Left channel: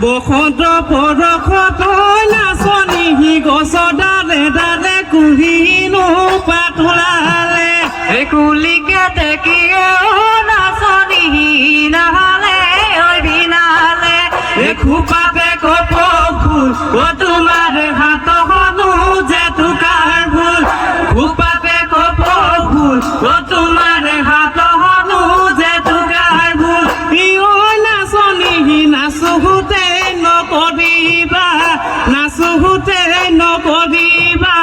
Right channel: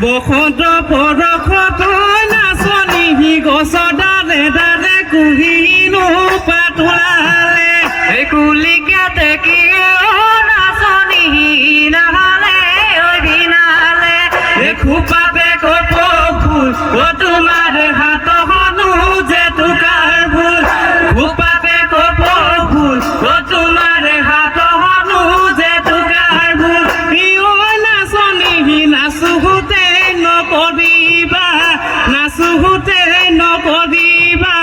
বসন্ত পৰশত নাচনি গছ ডালে ডালে কুহিনো পাতোলালে কুলিকে দেখি নাচনি নাহালে অভিনালে খোপাতে কপ ফুল তোমাৰ হাতখনো যে টুকাৰ ফুল খোপাতে কপ ফুল তোমাৰ হাতখনো যে টুকাৰ ফুল নাচোতে নকৰিবা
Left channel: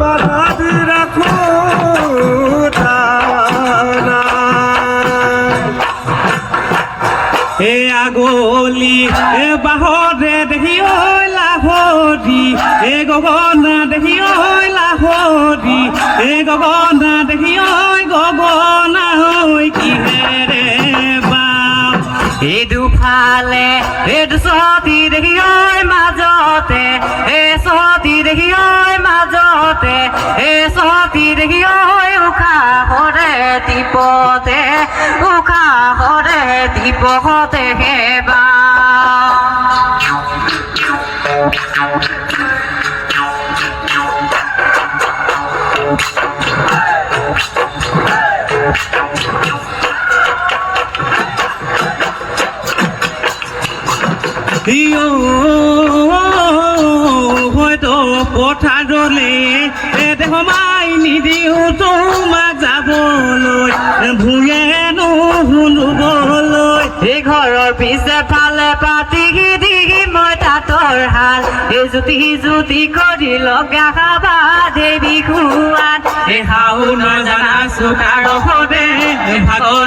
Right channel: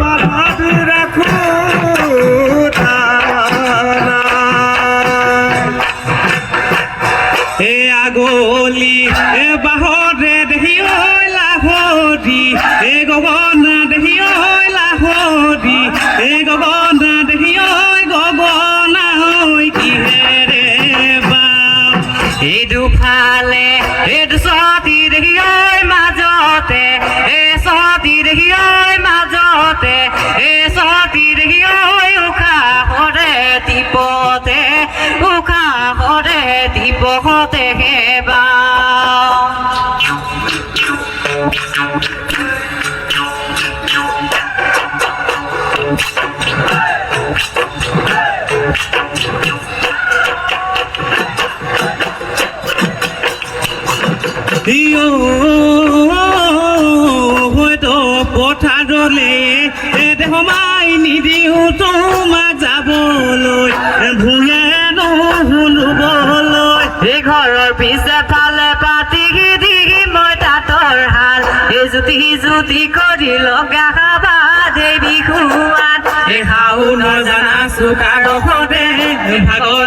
বাধি ৰাখো এ আগলি এ বাহরে দেহি ঐ লাহরি এ গগনা দেহি ঐ লাহরি এ গগনা দেহি ঐ গগনা ঐ কিহেৰে বা এই দুফালে এই দুচতি দেহি ঐ মাজতে এ চতি দেহি ঐ মাজতে এ চতি দেহি ঐ উশা কৰে টিপতে উশা কৰে টিপতে হেবা হয়তো পথাৰলে সোমাই নিদিওঁ তোমাক যাবলৈ ভূঞে নুশুনিবলৈ এই ঘৰৰ পিছে ফালে পাতি দি মই তাঁতৰ হাল এই জুতি কৰি লগা খাবা দেৱী খোৱাত এই শাওনৰ জানা চুকাৰ সদে ভাগৰ